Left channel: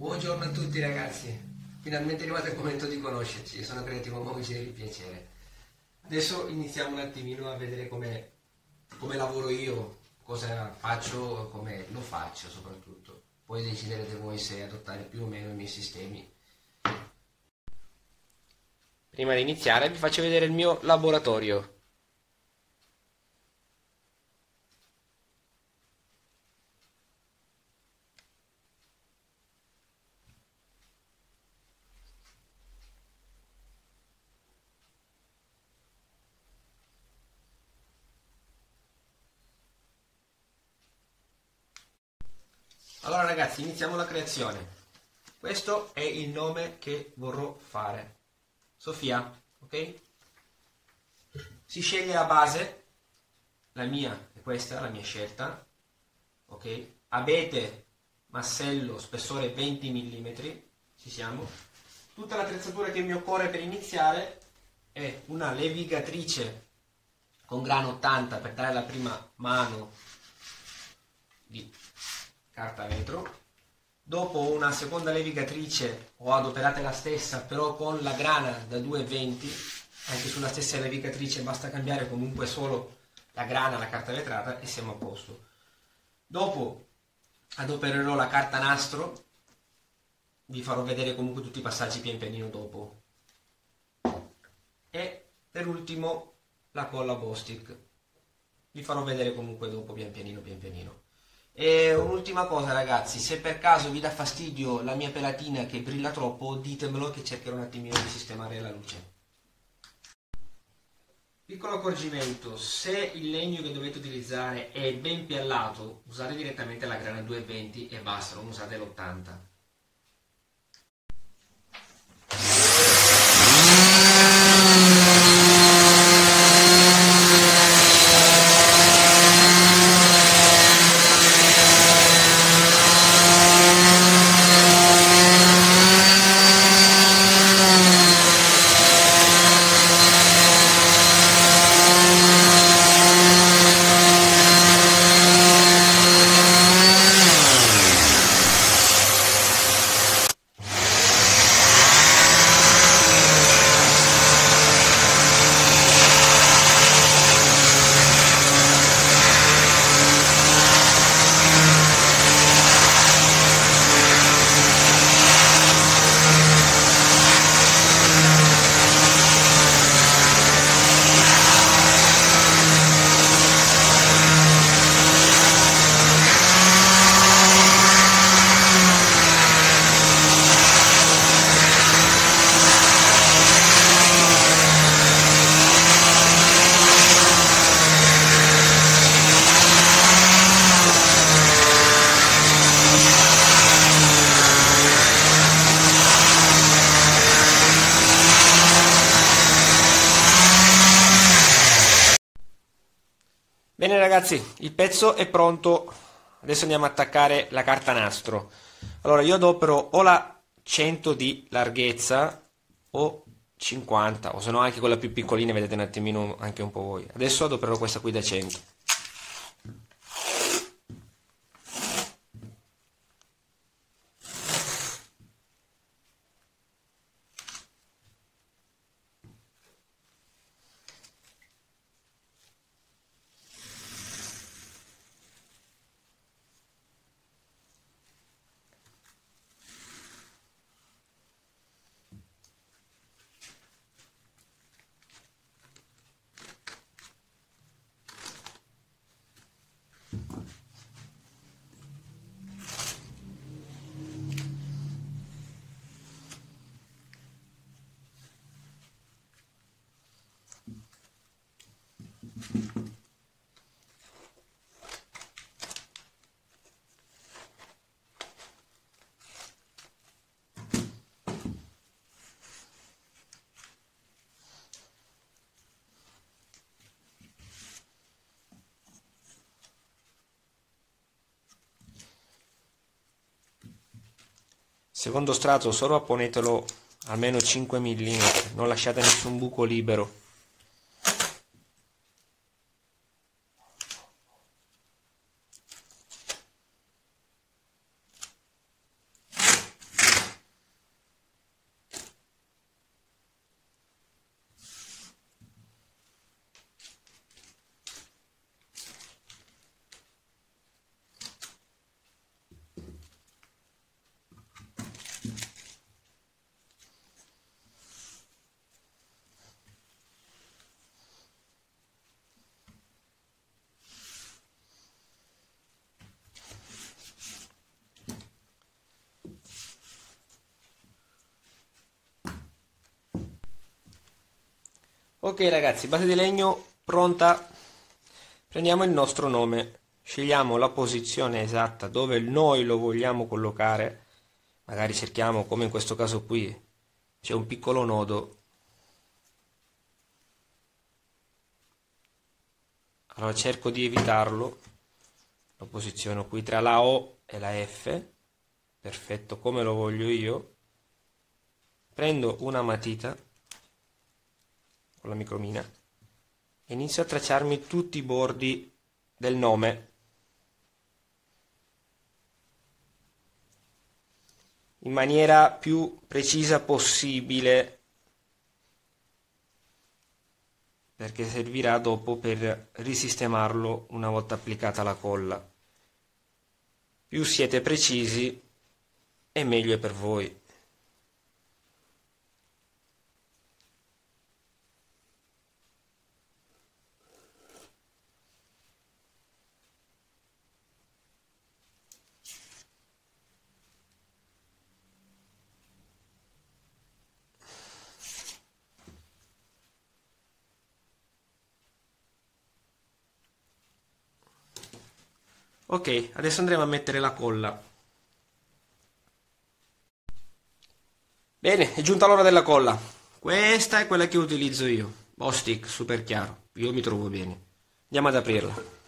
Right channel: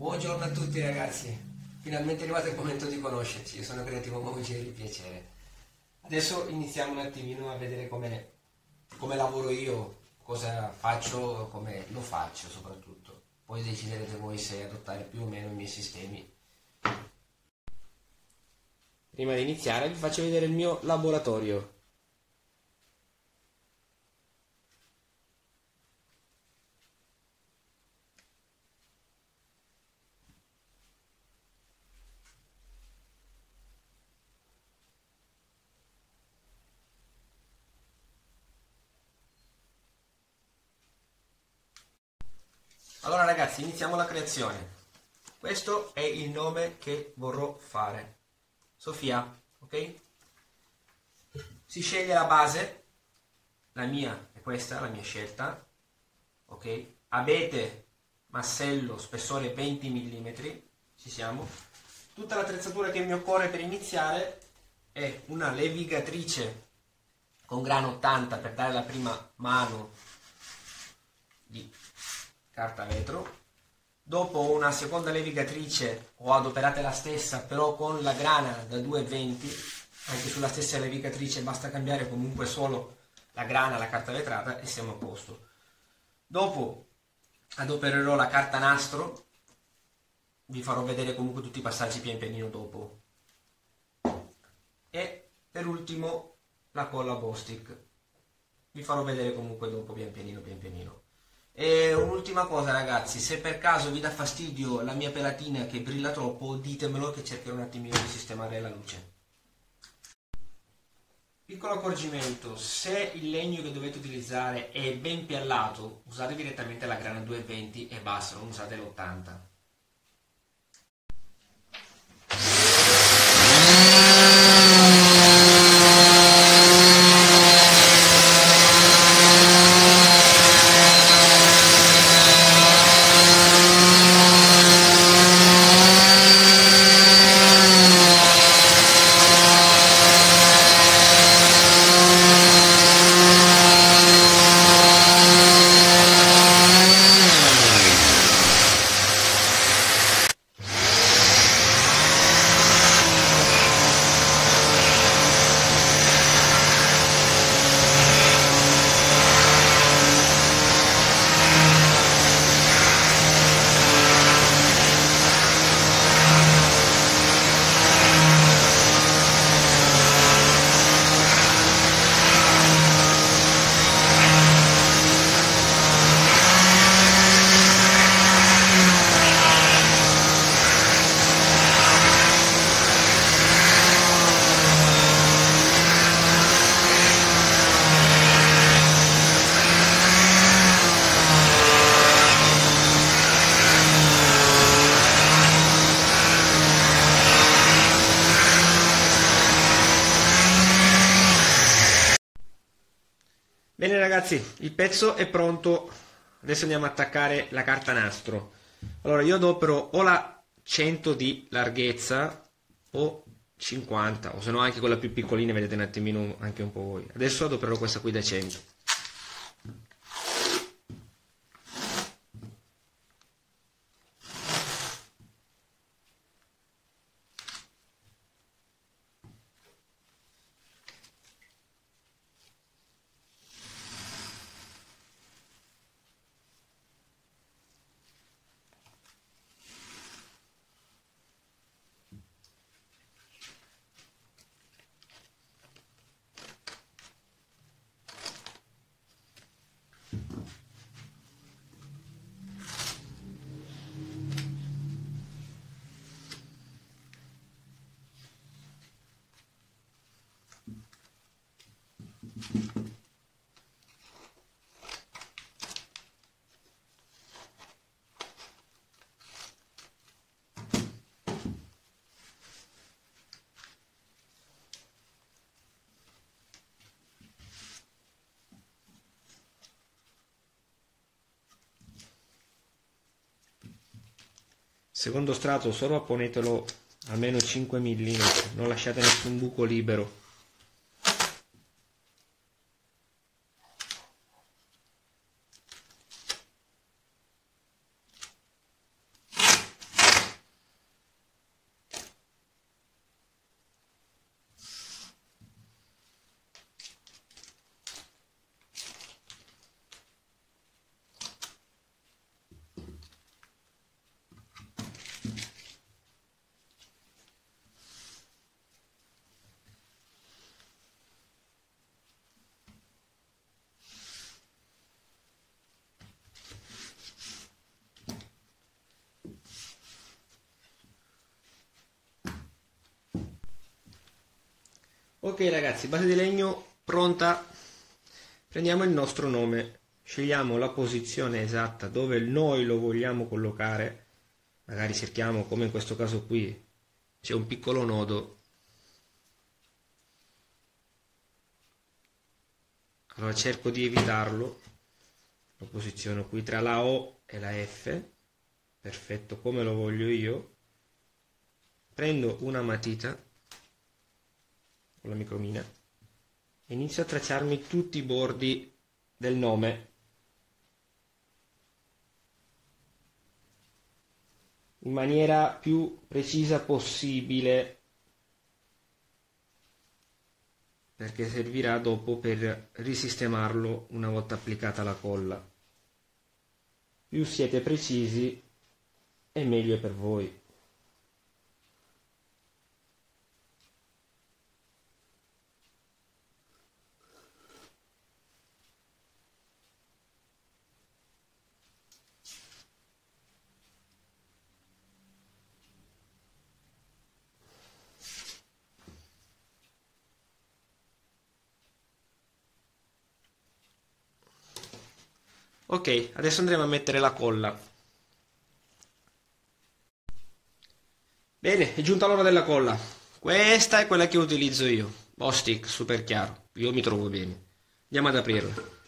Buongiorno a tutti ragazzi, finalmente è arrivato il momento di conoscerci. Io sono Creativo Movici del Piacere. Adesso iniziamo un attimino a vedere come lavoro io, cosa faccio, come lo faccio soprattutto. Poi deciderete voi se adottare più o meno i miei sistemi. Prima di iniziare vi faccio vedere il mio laboratorio. Allora ragazzi, iniziamo la creazione. Questo è il nome che vorrò fare. Sofia, ok? Si sceglie la base, la mia è questa, la mia scelta, ok? Abete, massello, spessore 20 mm, ci siamo. Tutta l'attrezzatura che mi occorre per iniziare è una levigatrice con grano 80 per dare la prima mano di carta vetro. Dopo una seconda levigatrice ho adoperato la stessa, però con la grana da 2,20. Anche sulla stessa levigatrice basta cambiare comunque solo la grana, la carta vetrata e siamo a posto. Dopo adopererò la carta nastro, vi farò vedere comunque tutti i passaggi pian pianino dopo. E per ultimo la colla Bostik, vi farò vedere comunque dopo pian pianino. E un'ultima cosa ragazzi, se per caso vi dà fastidio la mia pelatina che brilla troppo, ditemelo che cercherò un attimino di sistemare la luce. Piccolo accorgimento, se il legno che dovete utilizzare è ben piallato, usate direttamente la grana 2,20 e basta, non usate l'80. Bene ragazzi, il pezzo è pronto, adesso andiamo a attaccare la carta nastro. Allora io adopero o la 100 di larghezza o 50, o se no anche quella più piccolina, vedete un attimino anche un po' voi. Adesso adopererò questa qui da 100. Secondo strato sovrapponetelo almeno 5 mm, non lasciate nessun buco libero. Ok ragazzi, base di legno pronta. Prendiamo il nostro nome, scegliamo la posizione esatta dove noi lo vogliamo collocare. Magari cerchiamo, come in questo caso qui, c'è un piccolo nodo. Allora cerco di evitarlo. Lo posiziono qui tra la O e la F. Perfetto, come lo voglio io. Prendo una matita con la micromina e inizio a tracciarmi tutti i bordi del nome. In maniera più precisa possibile, perché servirà dopo per risistemarlo una volta applicata la colla. Più siete precisi e meglio è per voi. Ok, adesso andremo a mettere la colla. Bene, è giunta l'ora della colla. Questa è quella che utilizzo io. Bostik, super chiaro. Io mi trovo bene. Andiamo ad aprirla.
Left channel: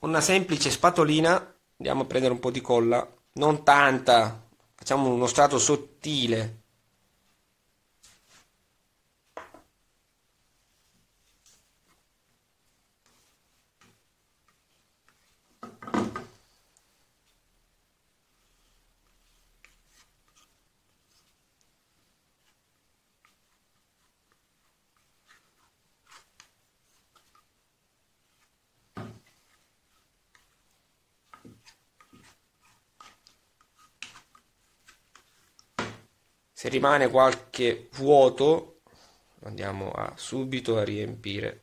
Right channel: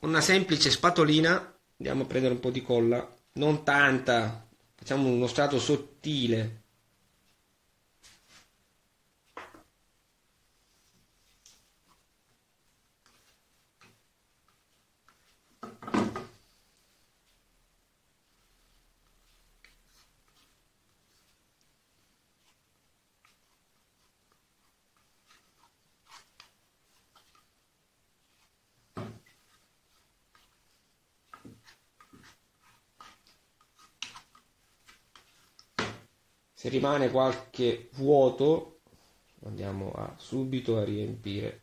Con una semplice spatolina andiamo a prendere un po' di colla, non tanta, facciamo uno strato sottile. Se rimane qualche vuoto andiamo subito a riempire.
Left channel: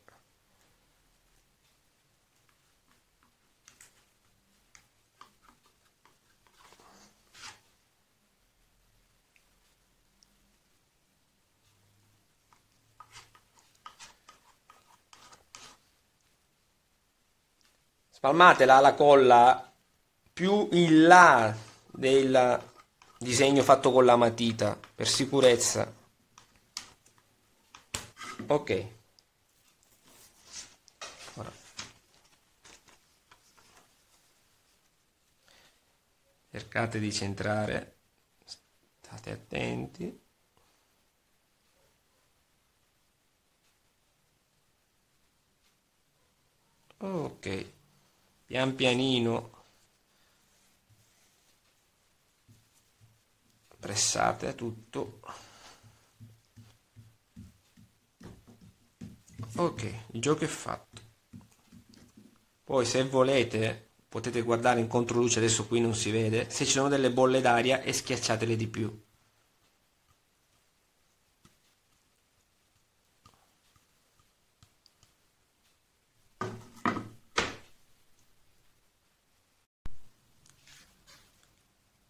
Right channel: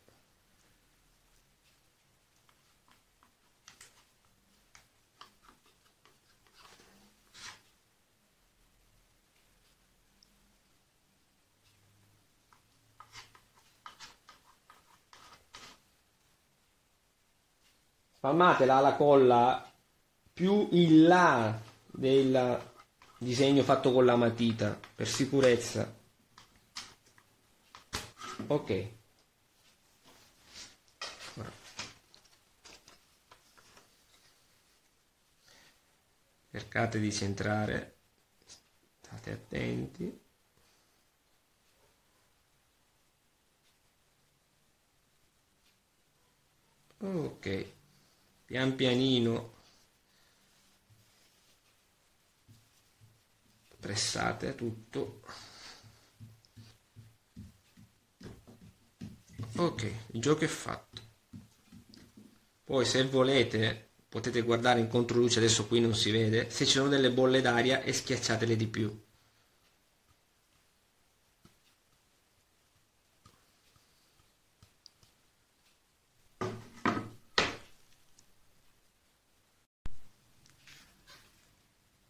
Spalmatela la colla più in là del disegno fatto con la matita per sicurezza. Ok, ora cercate di centrare, state attenti. Ok, pian pianino pressate tutto. Ok, il gioco è fatto. Poi se volete potete guardare in controluce, adesso qui non si vede, se ci sono delle bolle d'aria e schiacciatele di più.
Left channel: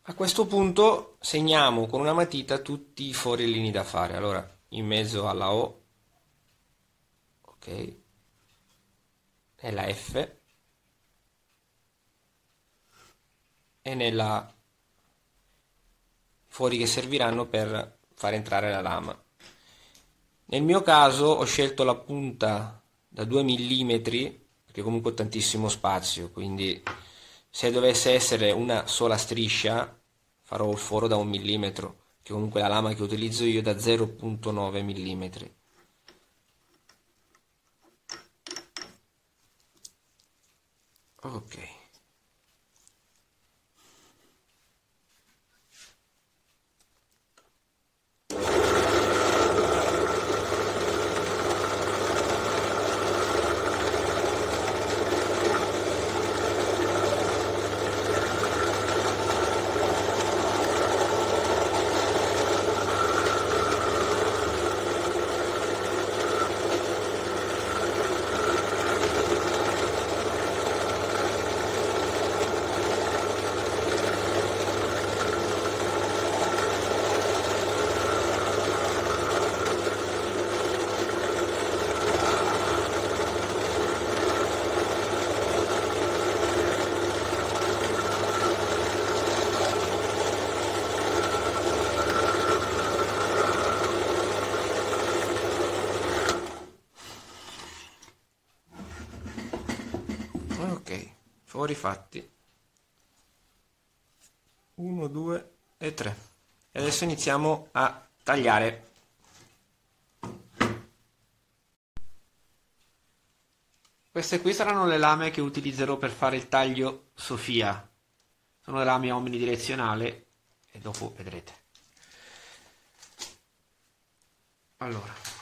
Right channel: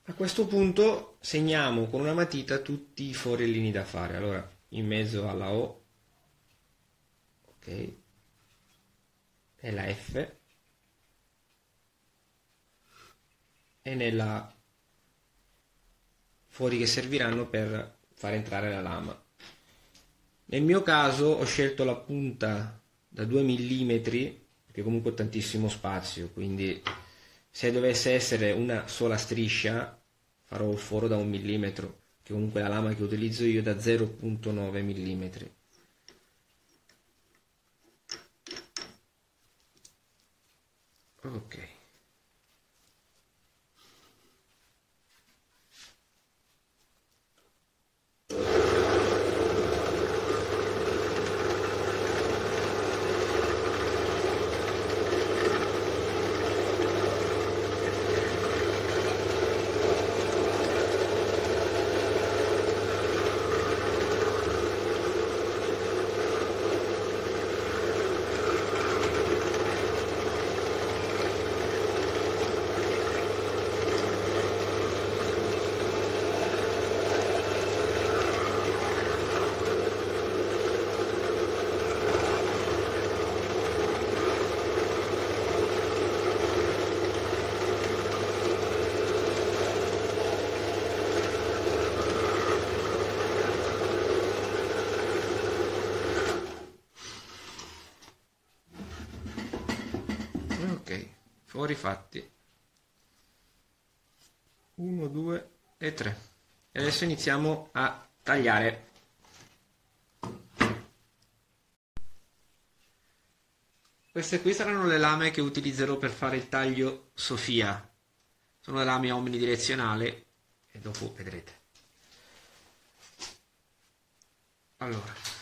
A questo punto segniamo con una matita tutti i forellini da fare. Allora, in mezzo alla O, ok, nella F e nella fori che serviranno per far entrare la lama. Nel mio caso ho scelto la punta da 2 mm perché comunque ho tantissimo spazio, quindi se dovesse essere una sola striscia farò il foro da 1 mm, che comunque la lama che utilizzo io è da 0,9 mm. Ok. Ok, fuori fatti. 1, 2 e 3. E adesso iniziamo a tagliare. Queste qui saranno le lame che utilizzerò per fare il taglio Sofia. Sono le lame omnidirezionali e dopo vedrete. Allora,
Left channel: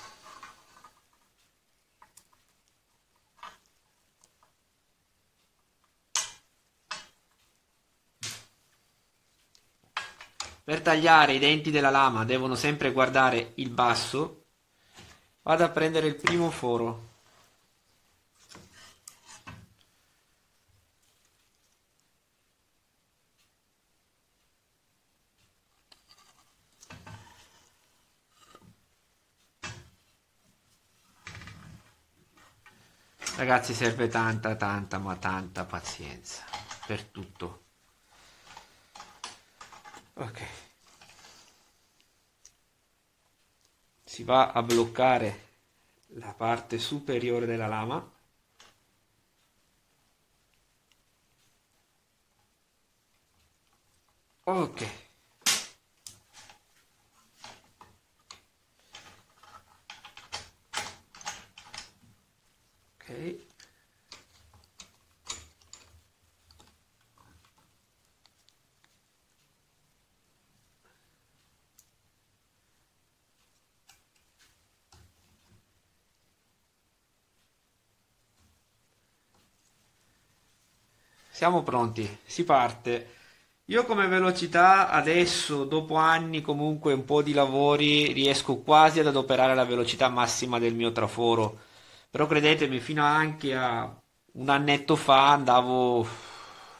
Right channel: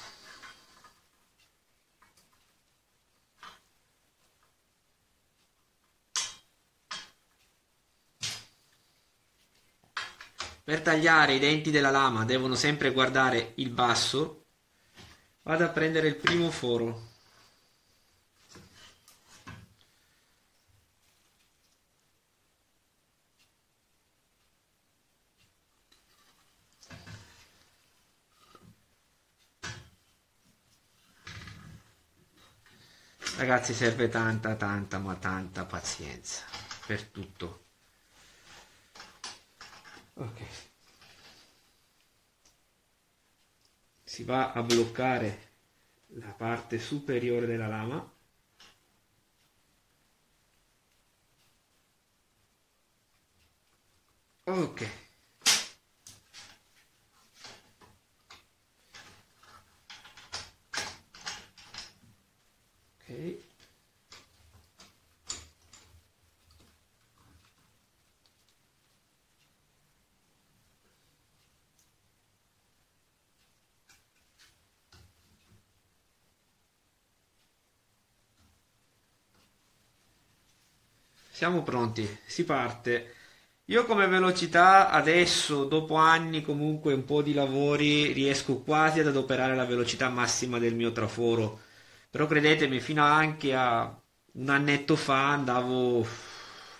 per tagliare i denti della lama devono sempre guardare il basso. Vado a prendere il primo foro. Ragazzi, serve tanta pazienza per tutto. Ok. Si va a bloccare la parte superiore della lama. Ok. Ok. Siamo pronti, si parte. Io come velocità adesso, dopo anni comunque un po' di lavori, riesco quasi ad adoperare la velocità massima del mio traforo. Però credetemi, fino anche a un annetto fa andavo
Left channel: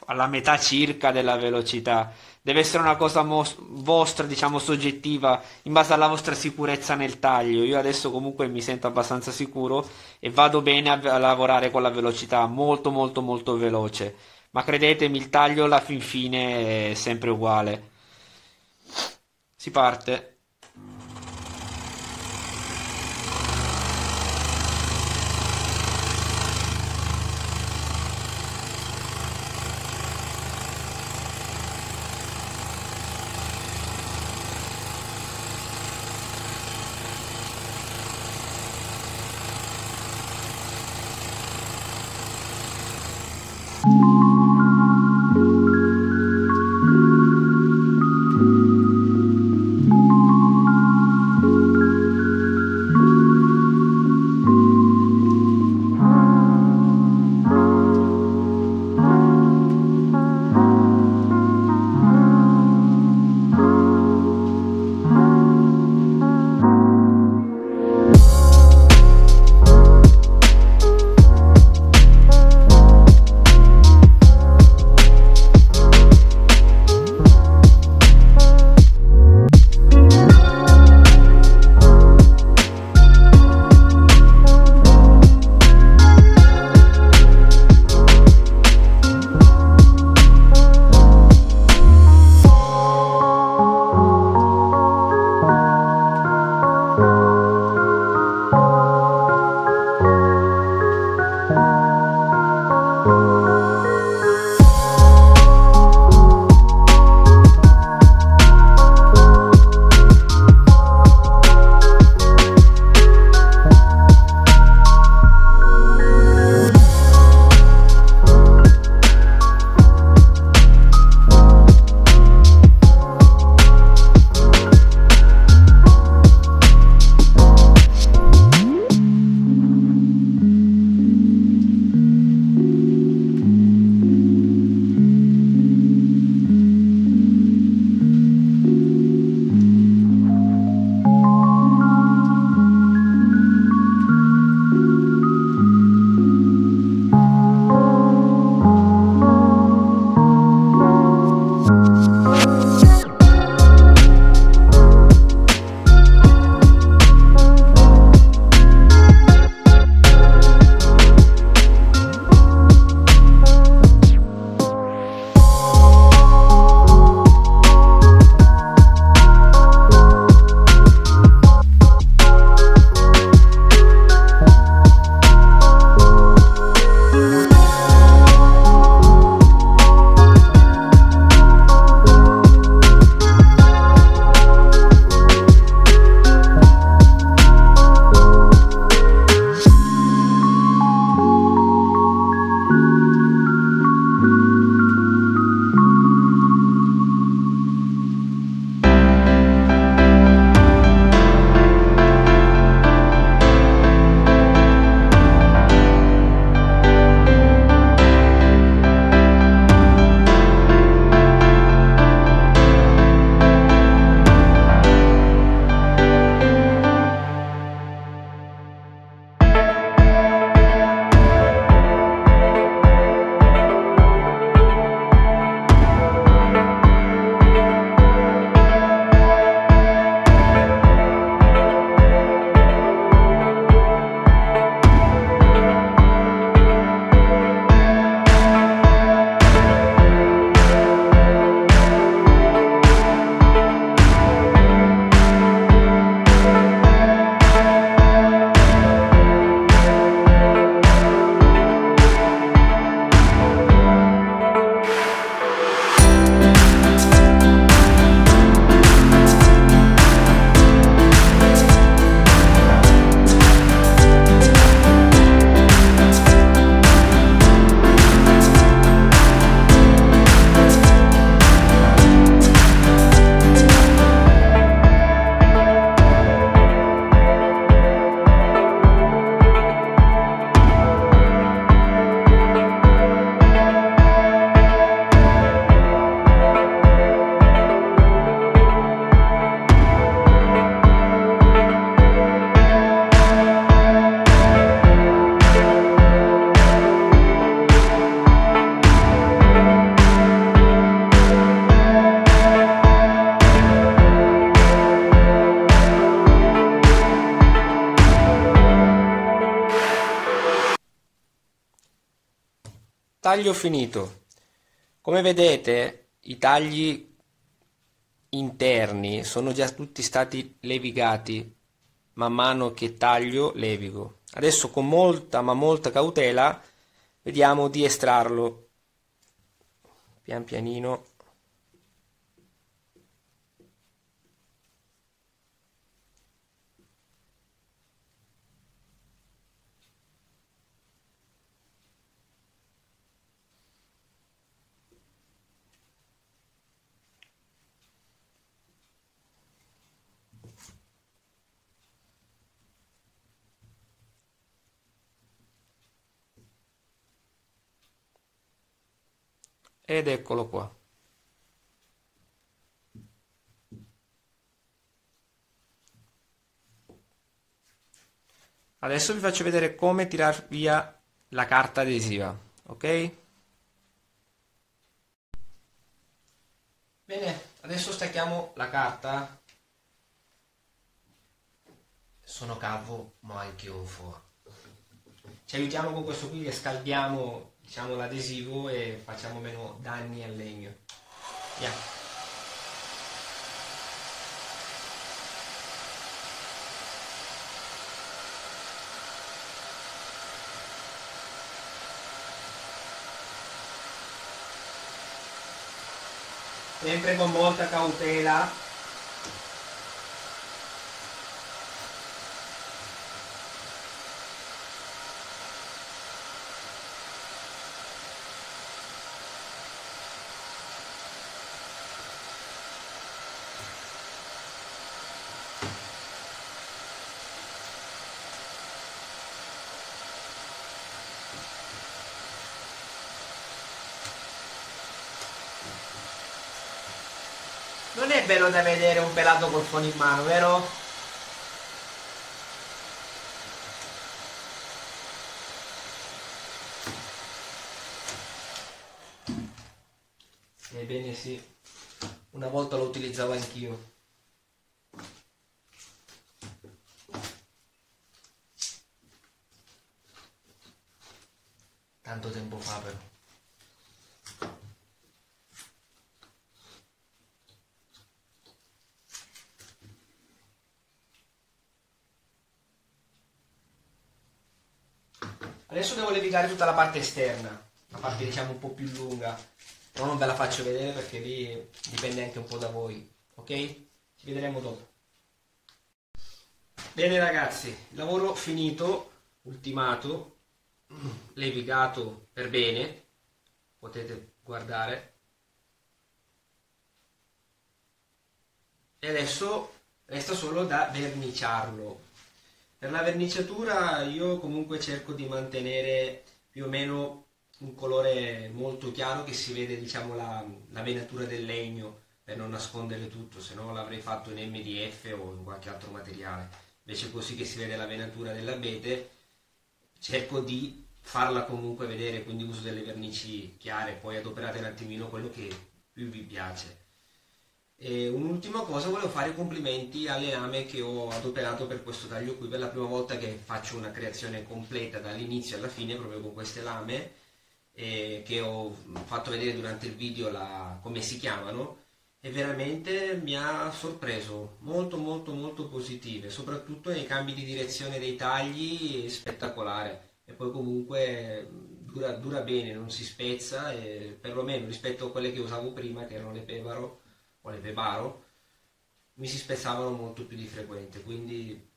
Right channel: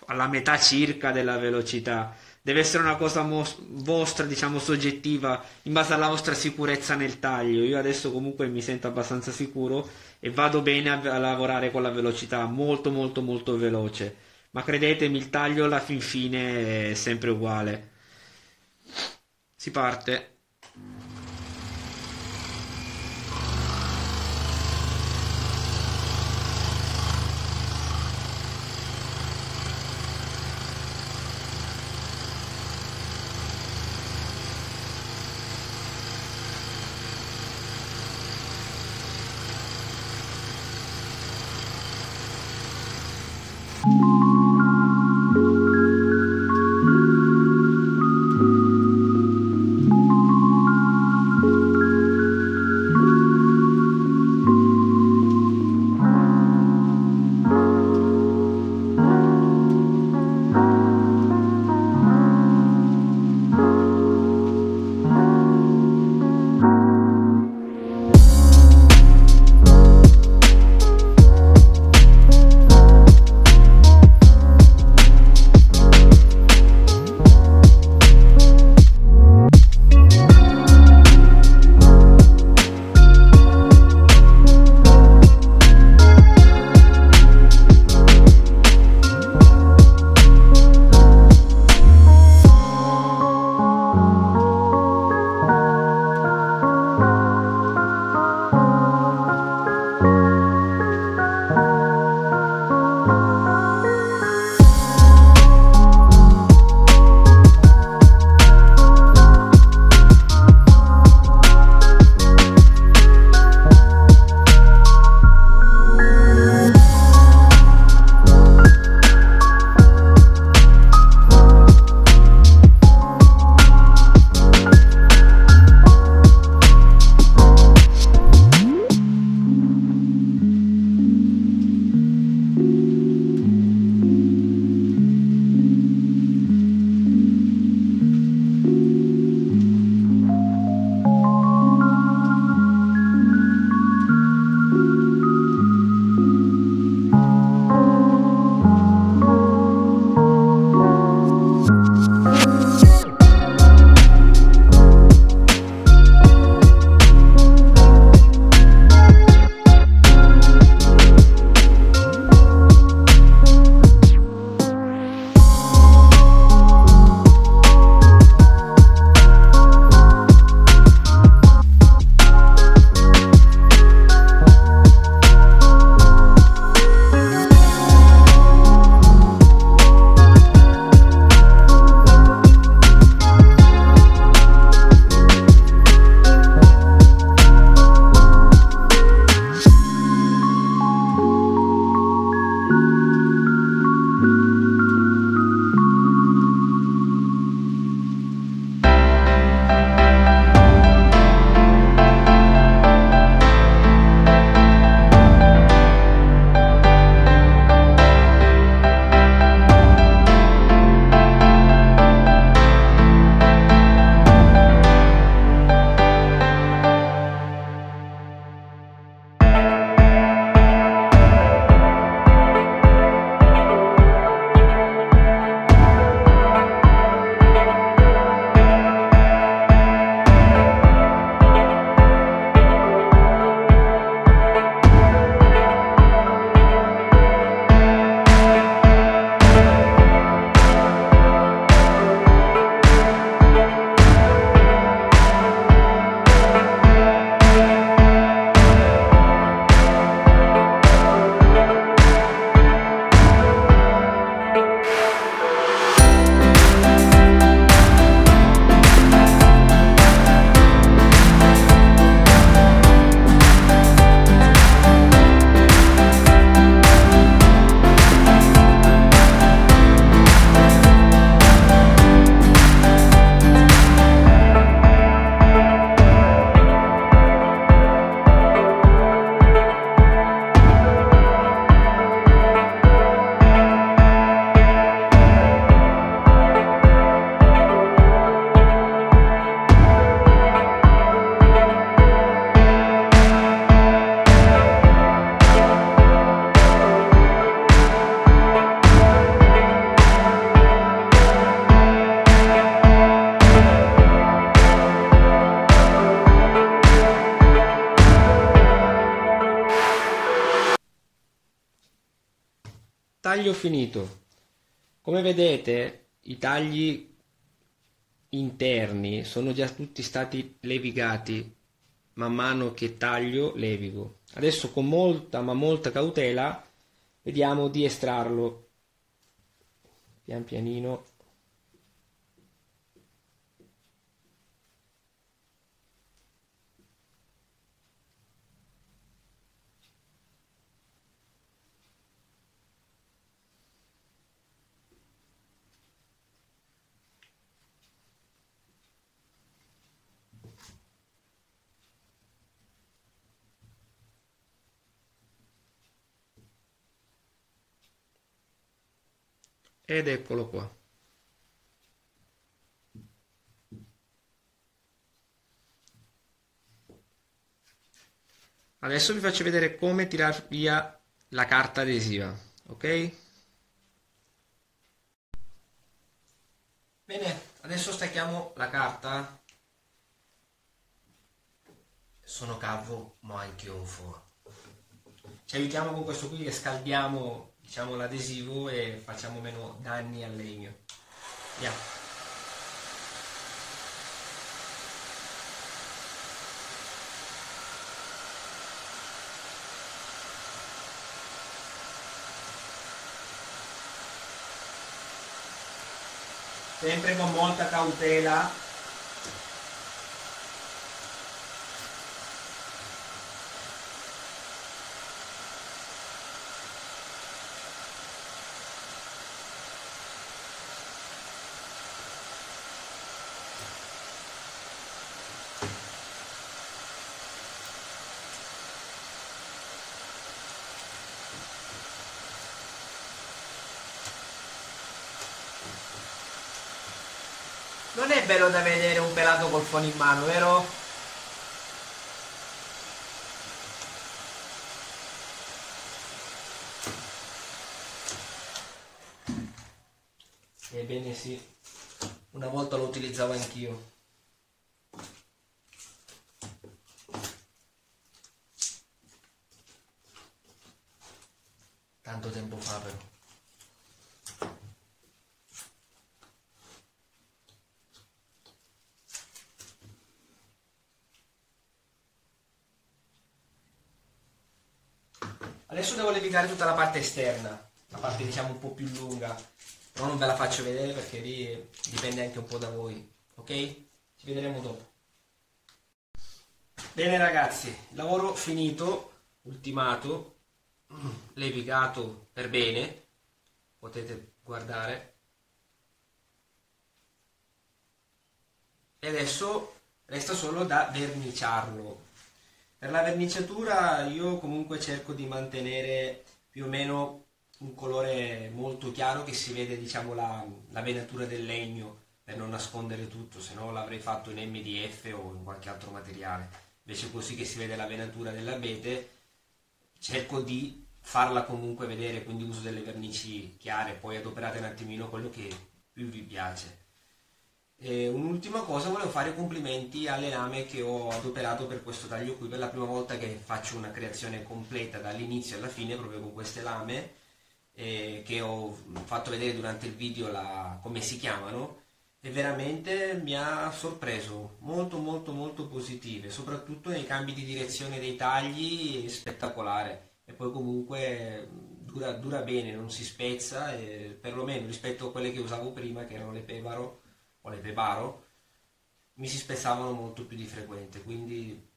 alla metà circa della velocità. Deve essere una cosa vostra, diciamo, soggettiva, in base alla vostra sicurezza nel taglio. Io adesso comunque mi sento abbastanza sicuro e vado bene a lavorare con la velocità molto veloce. Ma credetemi, il taglio alla fin fine è sempre uguale. Si parte. taglio finito. Come vedete i tagli interni sono già tutti stati levigati. Man mano che taglio levigo. Adesso con molta ma molta cautela vediamo di estrarlo pian pianino. Ed eccolo qua. Adesso vi faccio vedere come tirar via la carta adesiva, ok? Bene, adesso stacchiamo la carta. Sono calvo, ma anche io fuori. Ci aiutiamo con questo qui e scaldiamo, diciamo, l'adesivo e facciamo meno danni al legno. Andiamo. Sempre con molta cautela. Non è bello da vedere un pelato col phon in mano, vero? Ebbene sì, una volta lo utilizzavo anch'io. Tanto tempo fa però. Adesso devo levigare tutta la parte esterna, la parte diciamo un po' più lunga, però non ve la faccio vedere perché lì dipende anche un po' da voi, ok? Ci vedremo dopo. Bene ragazzi, lavoro finito, ultimato, levigato per bene, potete guardare. E adesso resta solo da verniciarlo. Per la verniciatura io comunque cerco di mantenere più o meno un colore molto chiaro che si vede diciamo la venatura del legno per non nascondere tutto, se no l'avrei fatto in MDF o in qualche altro materiale. Invece così che si vede la venatura dell'abete cerco di farla comunque vedere, quindi uso delle vernici chiare, poi adoperate un attimino quello che più vi piace. E un'ultima cosa, volevo fare i complimenti alle lame che ho adoperato per questo taglio qui, per la prima volta che faccio una creazione completa dall'inizio alla fine proprio con queste lame che ho fatto vedere durante il video come si chiamano, e veramente mi ha sorpreso, molto molto molto positive, soprattutto nei cambi di direzione dei tagli, è spettacolare, e poi comunque dura bene, non si spezza, e perlomeno rispetto a quelle che usavo prima che erano le Pevaro o le Pebaro mi si spezzavano molto più di frequente, quindi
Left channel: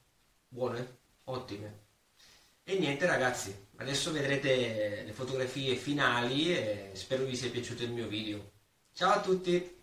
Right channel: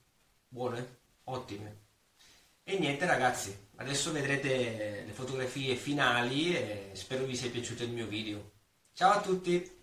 buone, ottime. E niente ragazzi, adesso vedrete le fotografie finali e spero vi sia piaciuto il mio video. Ciao a tutti!